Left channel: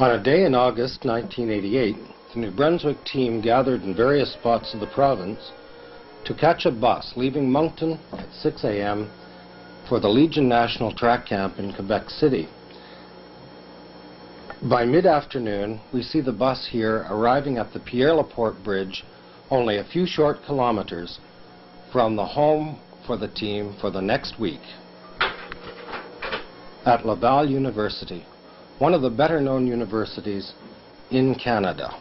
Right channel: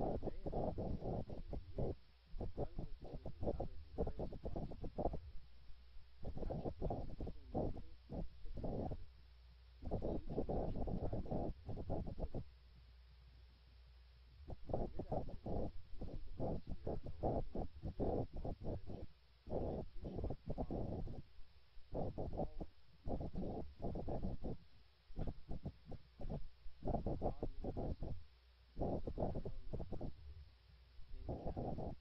On a day in August 1988, the New Brunswick team gathered in various spots of the province to catch a bus leaving Moncton at 6 a.m. for the Legion National Track Camp in Quebec City. By mid-afternoon, we see the bus here arriving at the Pierre-Laporte Bridge, only a few short kilometers from the home for the team for the next week at Laval University, one of the better-known universities in Canada.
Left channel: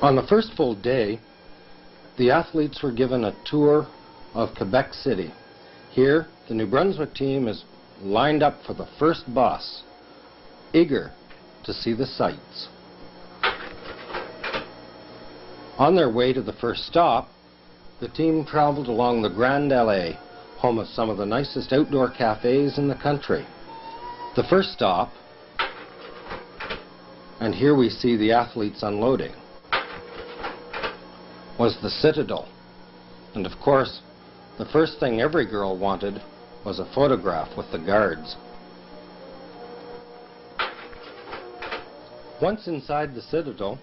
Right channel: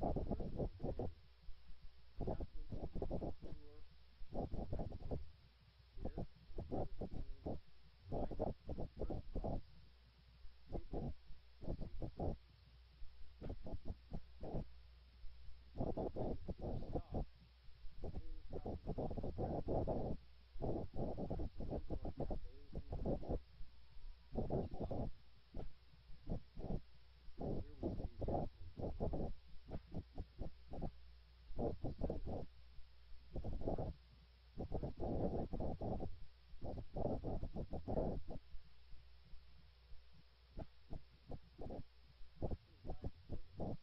On the first full day, the athletes were given a tour of Quebec City. Here, the New Brunswick team is lined up for the first bus, eager to see the sights. On their way to the first stop, the team traveled along the Grande Allée, home of some of the nicest outdoor cafes in the country. The first stop, and here we see the athletes unloading, was the Citadel. And of course, the first thing every girl wanted was a photograph with the guards. Once inside the Citadel,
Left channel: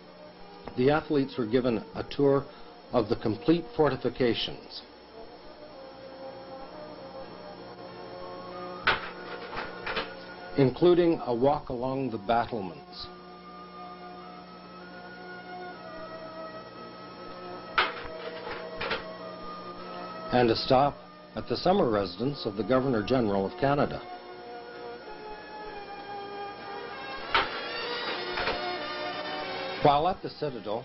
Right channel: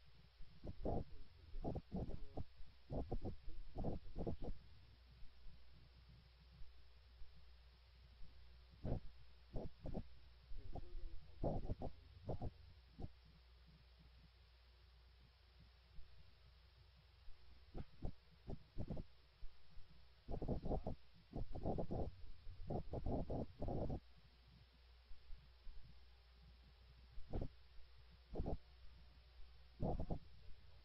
the athletes were given a tour of the complete fortifications. Including a walk along the battlements. And a stop at the summer residence of the Governor-General of Canada. While at the Citadel,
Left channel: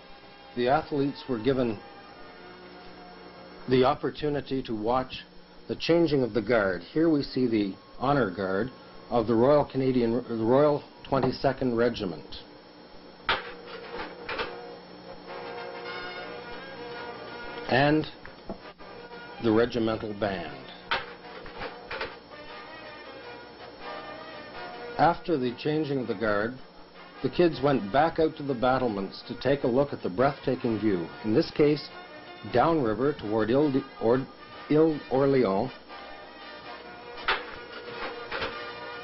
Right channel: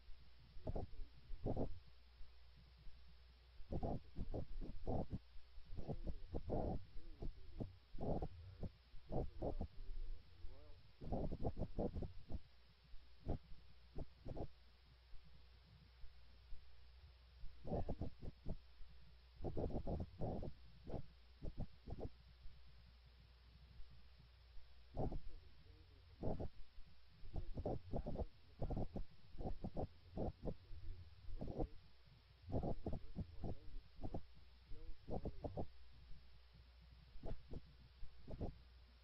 the athletes were given the opportunity to watch the changing of the guard. Here we see the honor guard of the Royal 22nd Regiment. And the regimental band. After the changing of the guard, the kids went back out to the battlements to take a look at the breathtaking view, in this case, downriver toward Ile-Orléans,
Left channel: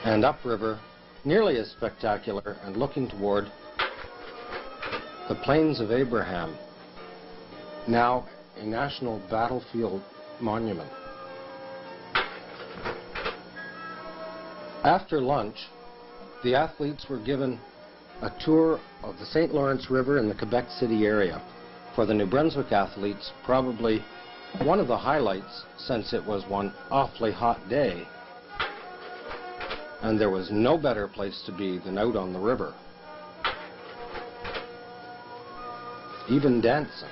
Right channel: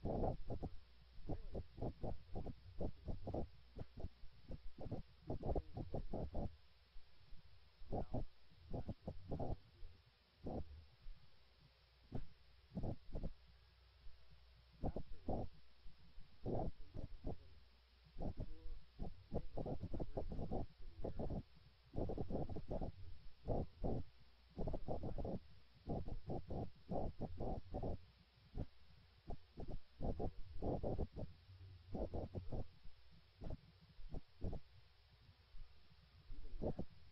and upriver, nearly as spectacular, and looking toward the Plains of Abraham, now a national battlefield monument. After lunch, the athletes were given a tour of the St. Lawrence River in the Quebec City area. For the New Brunswick athletes, probably one of the highlights, since it was one awfully hot day, and there was no better place to be than out on the river. Even dancing.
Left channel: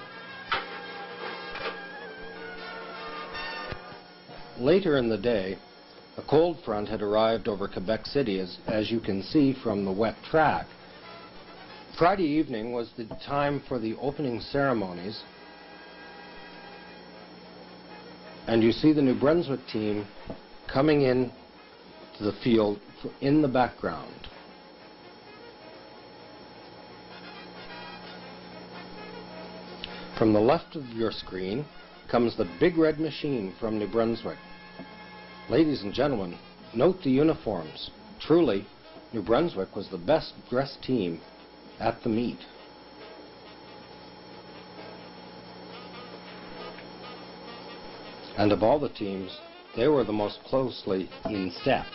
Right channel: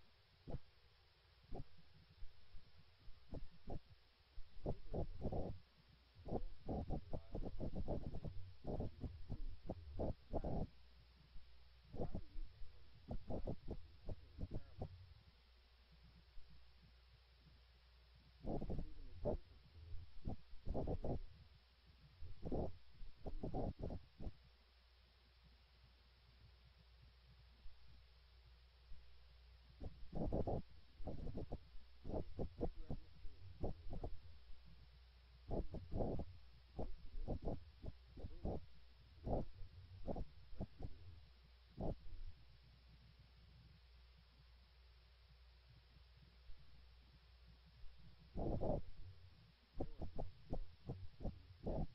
Later in the day, a cold front had arrived over Quebec City, as you can see from the wet track. Friday evening was the time for the opening ceremonies, and you see the New Brunswick team coming in to the field in the background. From the left of your screen comes the big red machine from New Brunswick. Ladies and gentlemen, note the uniforms. Truly, New Brunswick was the best dressed team at the meet. And of all the teams, they were the most closely in step.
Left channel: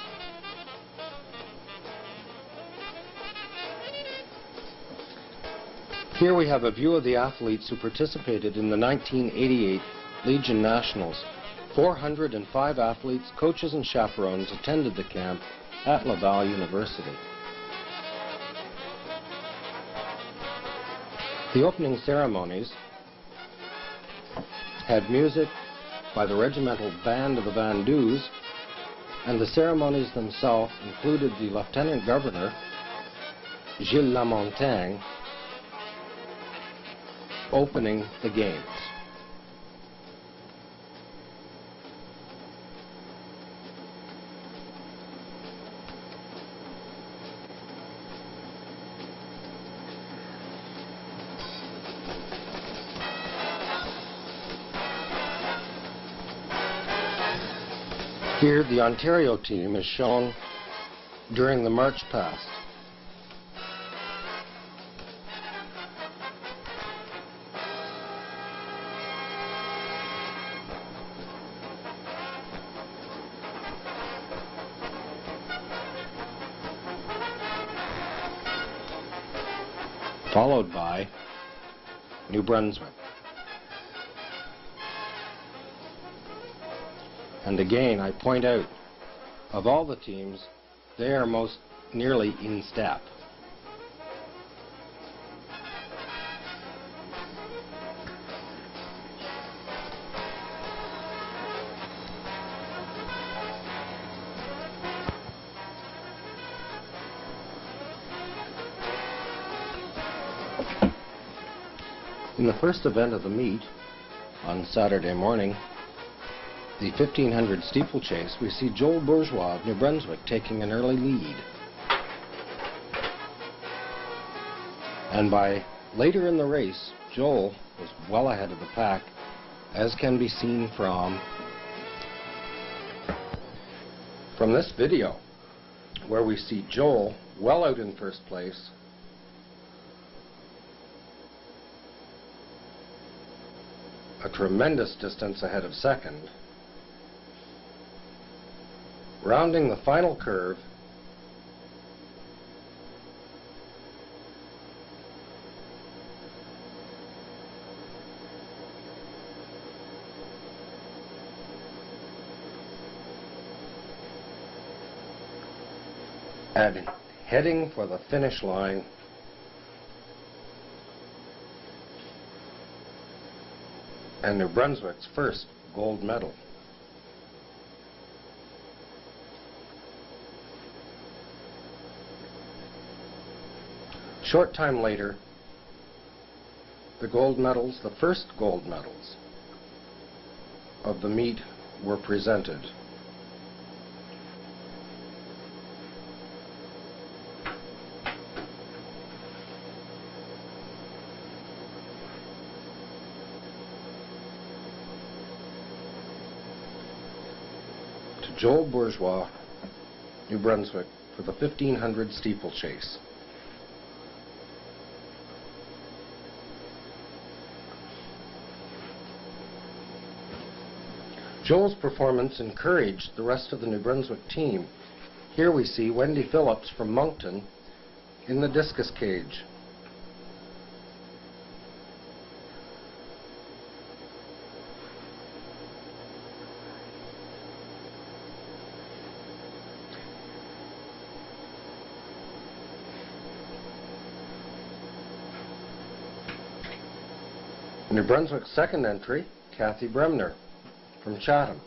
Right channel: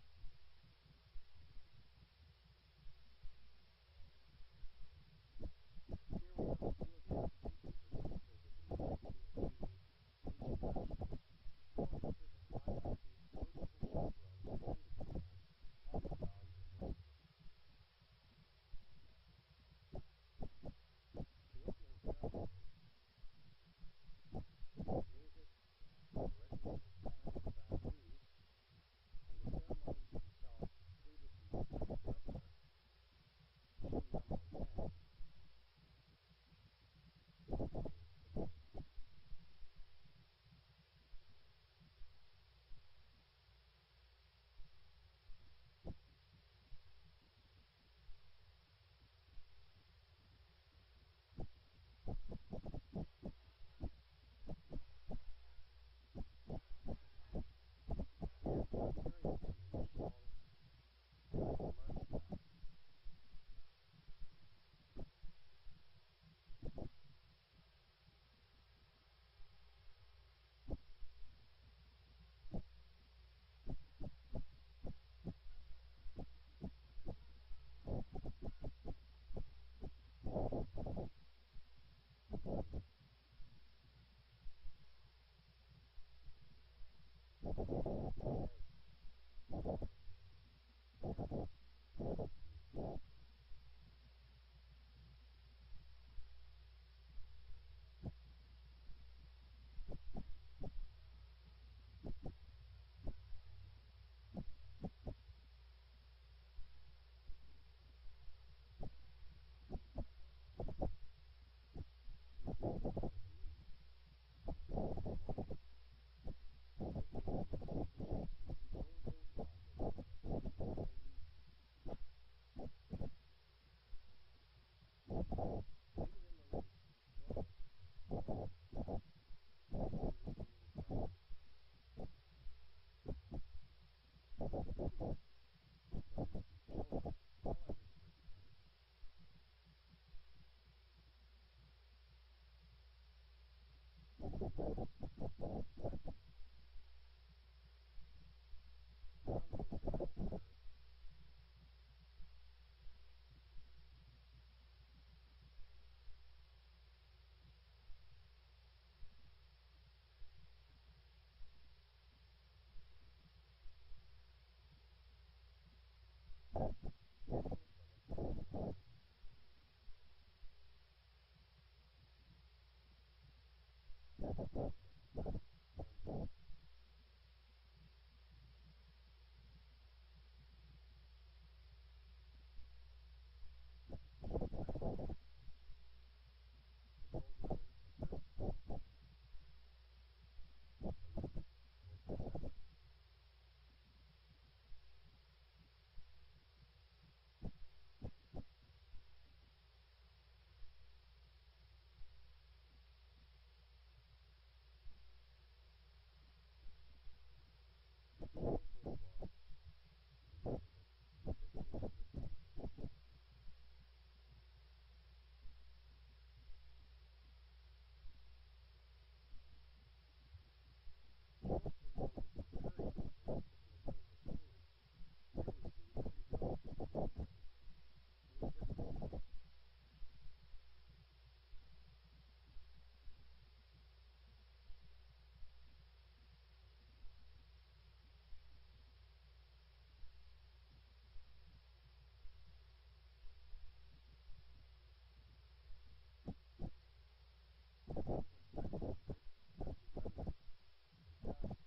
Here we have a view of the athletes who participated in the 1988 Legion Nationals. 405 athletes, coaches, and chaperones attended the camp at Laval University. The opening ceremonies had music by the regimental band of the Vandus, and the ceremonies themselves included the Lieutenant Governor, Gilles Lamontagne, opening the games. Here, the Ontario team is shown during the march past. Followed by New Brunswick. And again, I point out, of all the teams, they are most nearly in step. In the first event of the meet, on Saturday morning, the 1500 steeplechase, we see Joel Bourgeois of New Brunswick taking an early lead. And by later in the race, Joel was well ahead of the pack, as can be seen from this video, where we see Joel well out in first place, a tremendous distance ahead of second. Rounding the final curve, and heading for the finish line, and New Brunswick's first gold medal. Short time later, the gold medals, the first gold medals of the meet, were presented. To Joel Bourgeois, New Brunswick, for the 1500 steeplechase. Joel's performance encouraged the rest of the New Brunswick team. Here we see Wendy Phillips from Moncton in the discus cage. New Brunswick's second entry, Kathy Bremner from Chatham.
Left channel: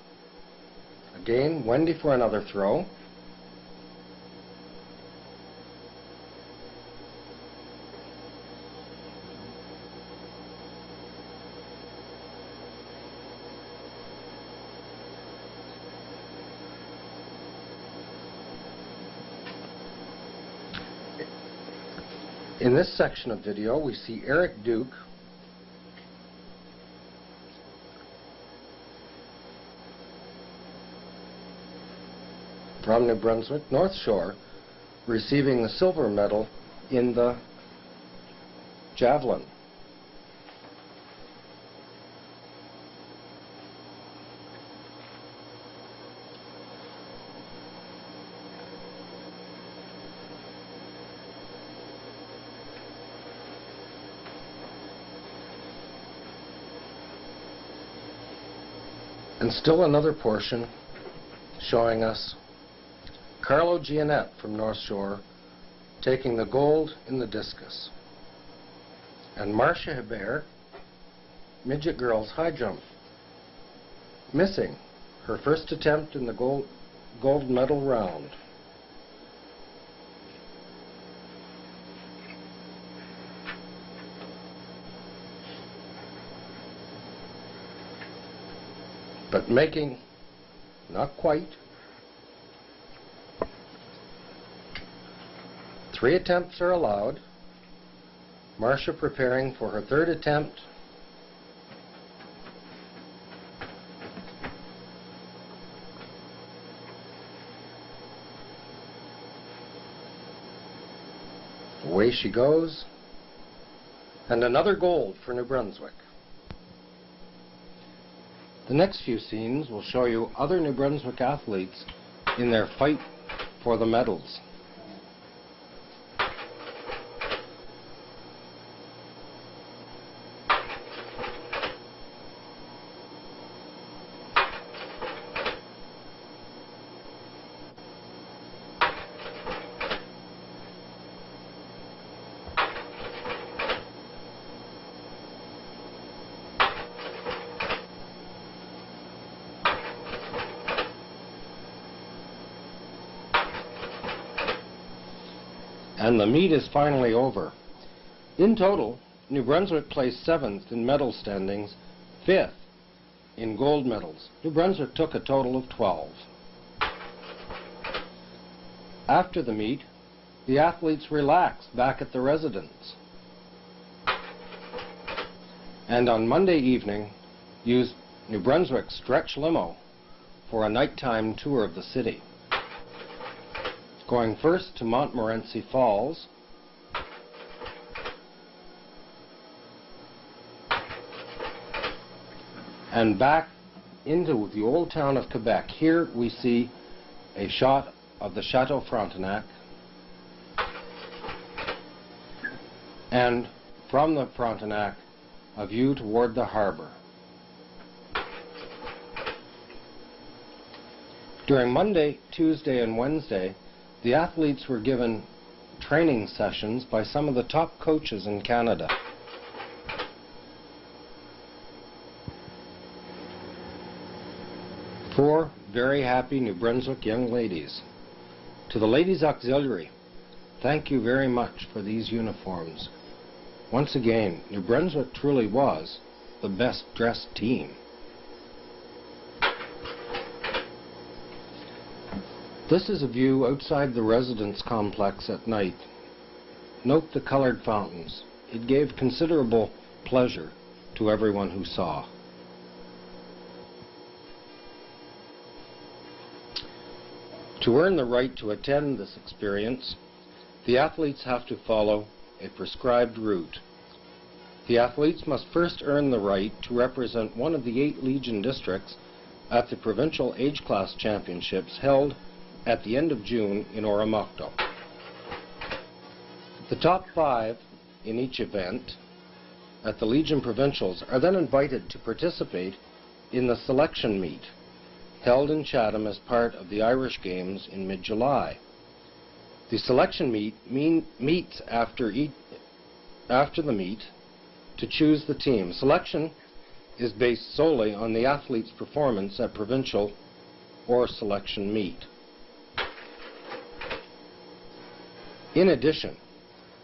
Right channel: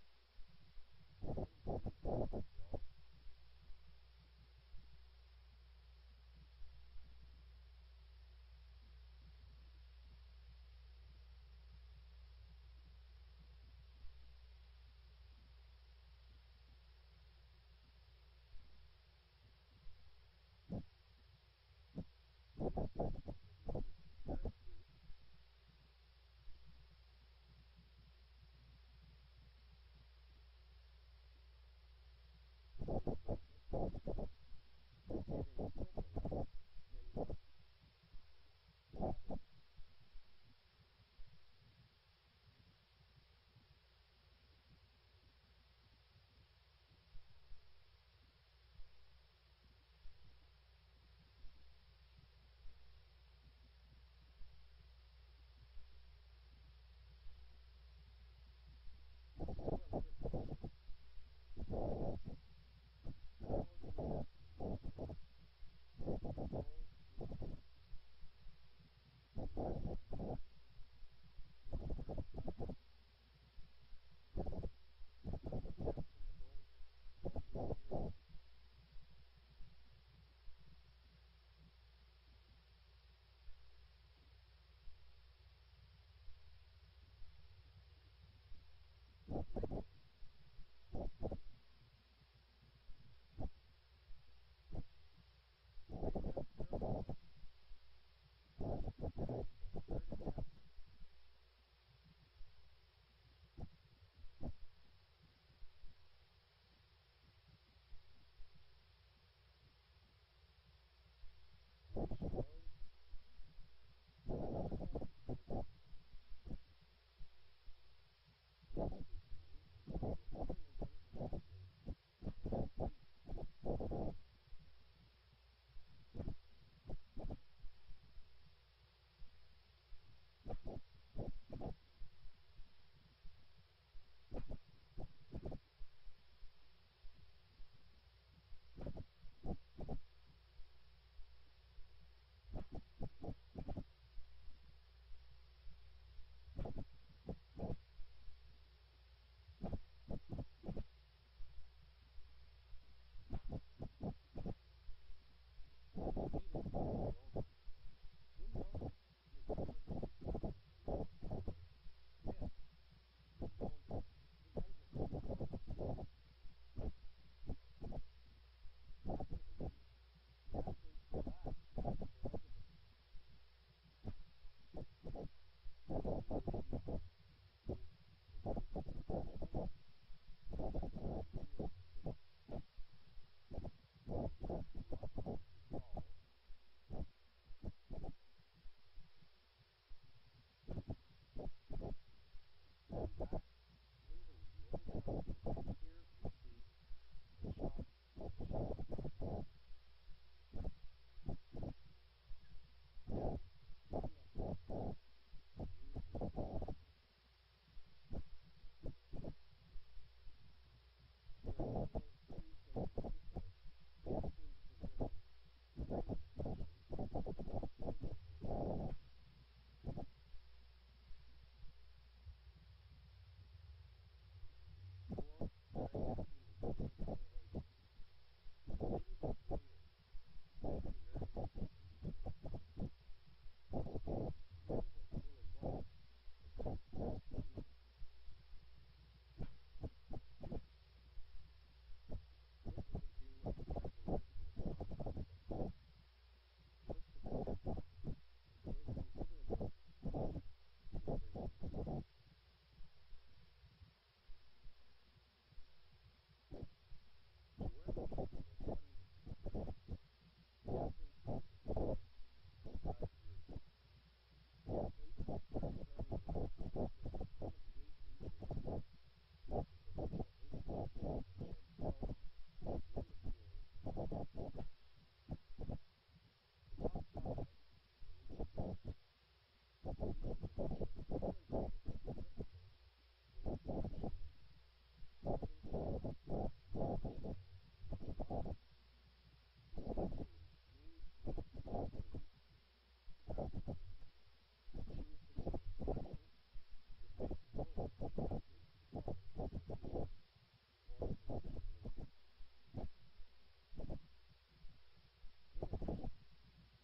Again, Wendy for another throw. In this section of video, we see Eric Duke from New Brunswick North Shore, receiving the silver medal in the javelin. And still another portion showing us Carlo Gianette from North Shore taking the gold in the discus, and Marcia Hebert, midget girls high jump, missing her first attempt in the gold medal round. But making, not quite, 3 attempts are allowed. Marcia preparing for her 3rd attempt. Away she goes. And another gold for New Brunswick. The next few scenes will show you other New Brunswick athletes in their fight for the medals. And the meet is finally over. In total, New Brunswick placed 7th in medal standings, 5th in gold medals. New Brunswick took a total of 12. After the meet, the athletes relaxed back at the residence. And on Monday evening, used New Brunswick's stretch limo for a nighttime tour of the city. Going first to Montmorency Falls, and back into the old town of Quebec. Here we see a shot of the Chateau Frontenac, and from the Frontenac a view toward the harbor. During Monday, Tuesday, and Wednesday, the athletes were given training sessions by some of the top coaches in Canada. Four very happy New Brunswick young ladies. To the Ladies Auxiliary, thank you very much for these uniforms. Once again, New Brunswick truly was the best dressed team. This is a view outside the residence complex at night. Note the colored fountains. It gave considerable pleasure to everyone who saw. To earn the right to attend this experience, the athletes have to follow a prescribed route. The athletes must first earn the right to represent one of the 8 Legion districts at the Provincial Age Class Championships held at the end of June in Oromocto. The top 5 in each event at the Legion Provincials are then invited to participate in the selection meet held in Chatham as part of the Irish Games in mid-July. The selection meet meets after the meet to choose the team. Selection is based solely on the athlete's performance at provincial or selection meet. In addition,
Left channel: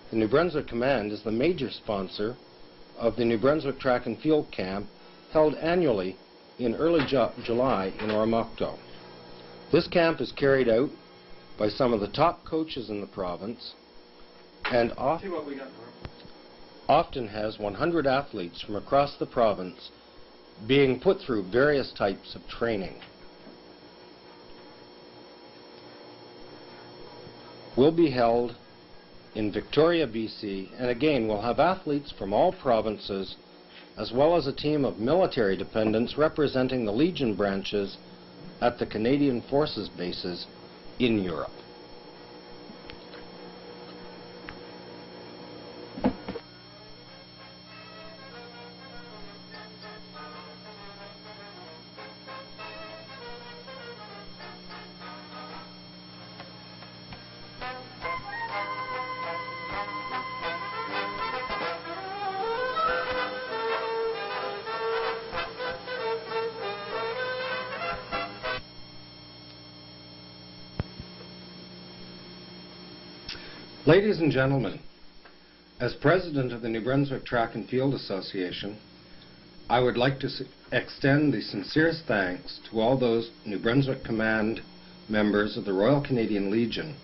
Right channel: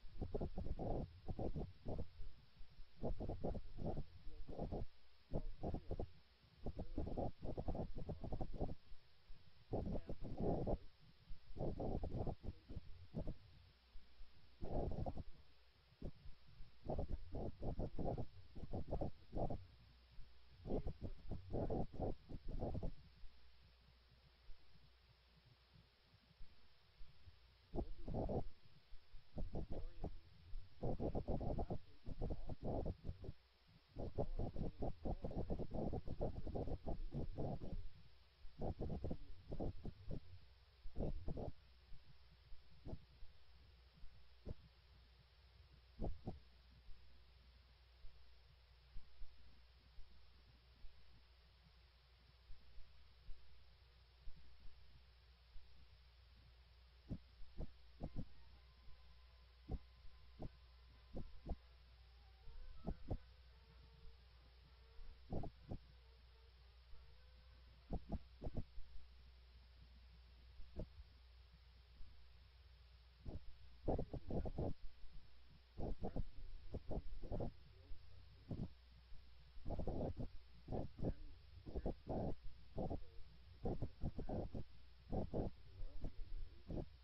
the New Brunswick Command is the major sponsor of the New Brunswick Track and Field Camp held annually in early July in Oromocto. This camp is carried out by some of the top coaches in the province and often has 100 athletes from across the province being put through various types of training. Will be held in Victoria, BC, and again we'll have athletes from all provinces as well as a team of military dependents representing the Legion branches at the Canadian Forces bases in Europe. Ladies and gentlemen, as President of the New Brunswick Track and Field Association, I would like to extend the sincerest thanks to all those New Brunswick Command members of the Royal Canadian Legion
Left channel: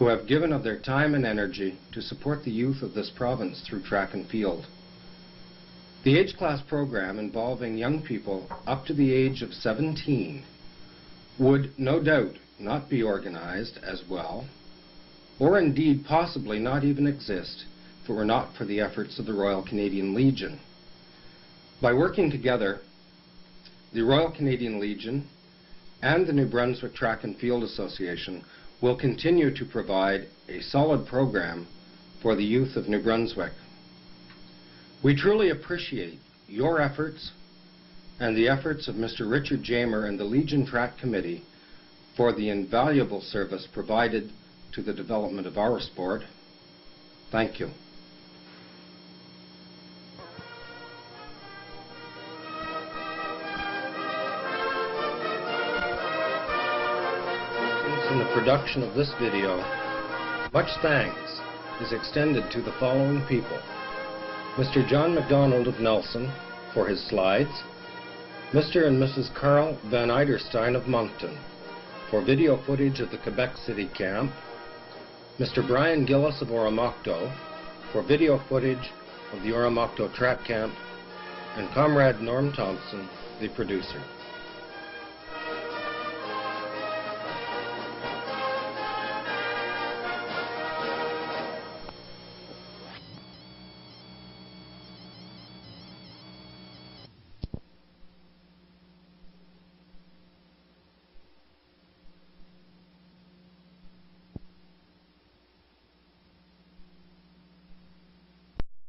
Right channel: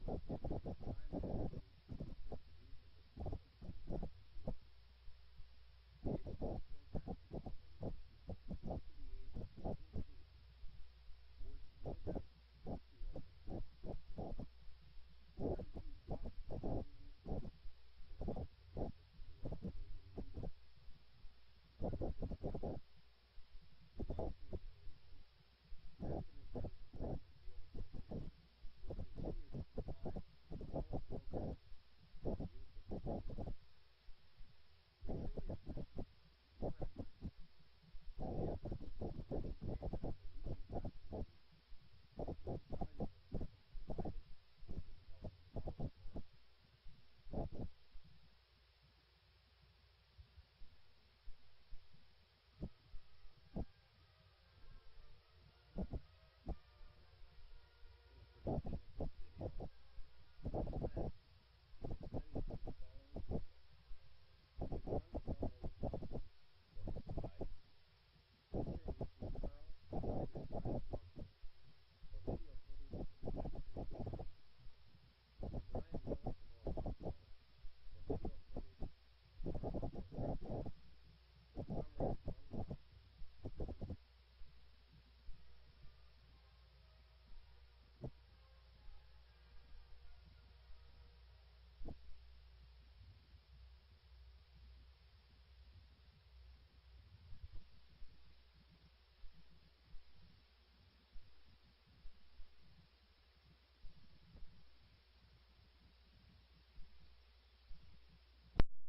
who have given of their time and energy to support the youth of this province through track and field. The age class program involving young people up to the age of 17 would no doubt not be organized as well or indeed possibly not even exist if it were not for the efforts of the Royal Canadian Legion. By working together, the Royal Canadian Legion and the New Brunswick Track and Field Association will continue to provide a solid program for the youth of New Brunswick. We truly appreciate your efforts and the efforts of Mr. Richard Jamer and the Legion Track Committee for the invaluable service provided to the development of our sport. Thank you. In the production of this video, much thanks is extended to the following people: Mr. John MacDonald of Nelson for his slides, Mr. and Mrs. Carl Van Eiderstein of Moncton for video footage of the Quebec City camp, Mr. Brian Gillis of Oromocto for video footage of the Oromocto track camp, and Comrade Norm Thompson, the producer.